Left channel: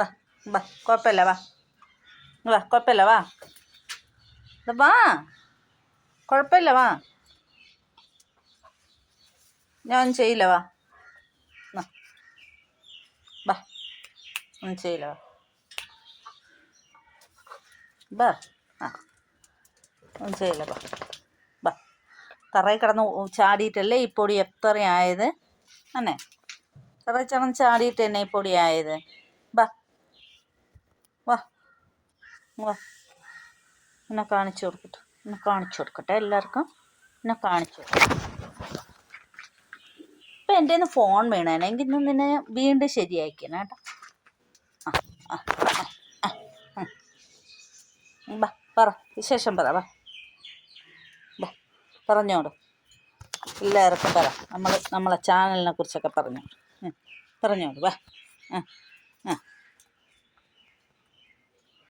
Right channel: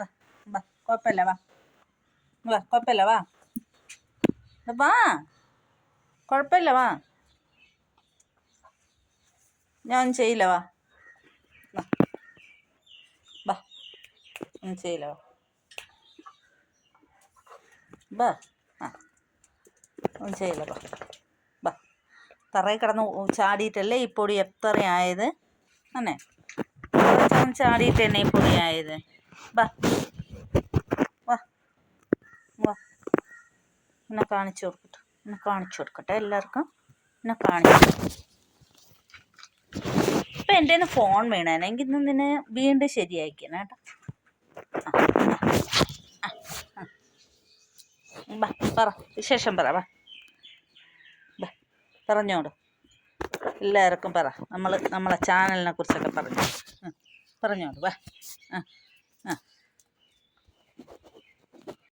വാ വാ കുഴപ്പമില്ല വാ. വാ കുഴപ്പമില്ല വാ. വാ. കുഴപ്പമില്ല വാ. ഞാൻ ചെയ്യില്ല വാ. വാ. വാ. ഒന്നും ചെയ്യില്ല വാ. വാ ആ. ഒന്നും ചെയ്യില്ല വാ. വാ. തറയിൽ കിടന്ന് ചാടിയിട്ടല്ലേ ഈ എത്രയായത്? അന്നെ. കിടന്ന് ചാടിയിട്ട് തന്നെ വാ. എന്നെ കാണിച്ചു കൊടുക്കട്ടെ. എന്നെ കാണിച്ചു കൊടുക്കട്ടെ എല്ലാവർക്കും. എന്നെ കാണിച്ചു ഇപ്പം എന്റെ കയ്യിൽ ഫോൺ വീണേനെ. എങ്കിൽ ഇന്ന് നിന്നെ വീണ്ടും ശരിയാക്കിയാണ് കേട്ടോ. പറ. വിശേഷം പറ വാ. പറഞ്ഞോട് എല്ലാവർക്കും പറ. നമ്മൾ നമ്മളെ ചാനലിനെ കുറിച്ചൊക്കെ പറഞ്ഞു. പറഞ്ഞോളൂ വാ. ആ ആ.